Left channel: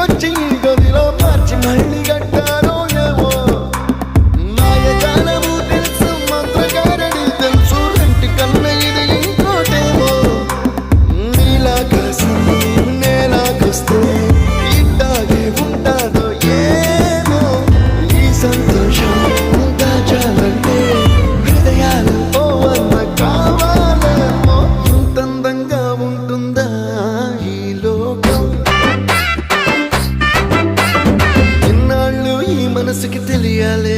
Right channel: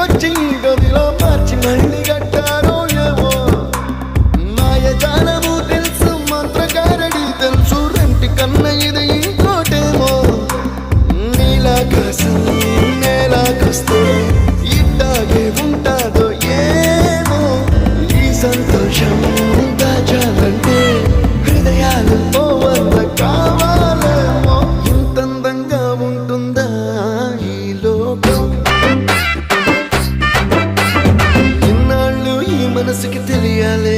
ఇంటికొచ్చి గదిలో మార్చి మళ్ళీ కట్టారో ఏమో మాయజాలము తెలుసు మంత్రకారడి తెలుసు రెంటి కన్న ఇది ఇంకోటేమో నీలాకాశం నేలాకొస్తే ఇట్టాగే ఉంటాదో ఏమో ఈ సంతోషం దాచాలంటే హృదయాలు ఓ వంద కావాలేమో ఇంతందంగా ఉంటుందా ఈ లోకం ఇన్నాళ్ళు ఈ మనసుకి తెలియాలే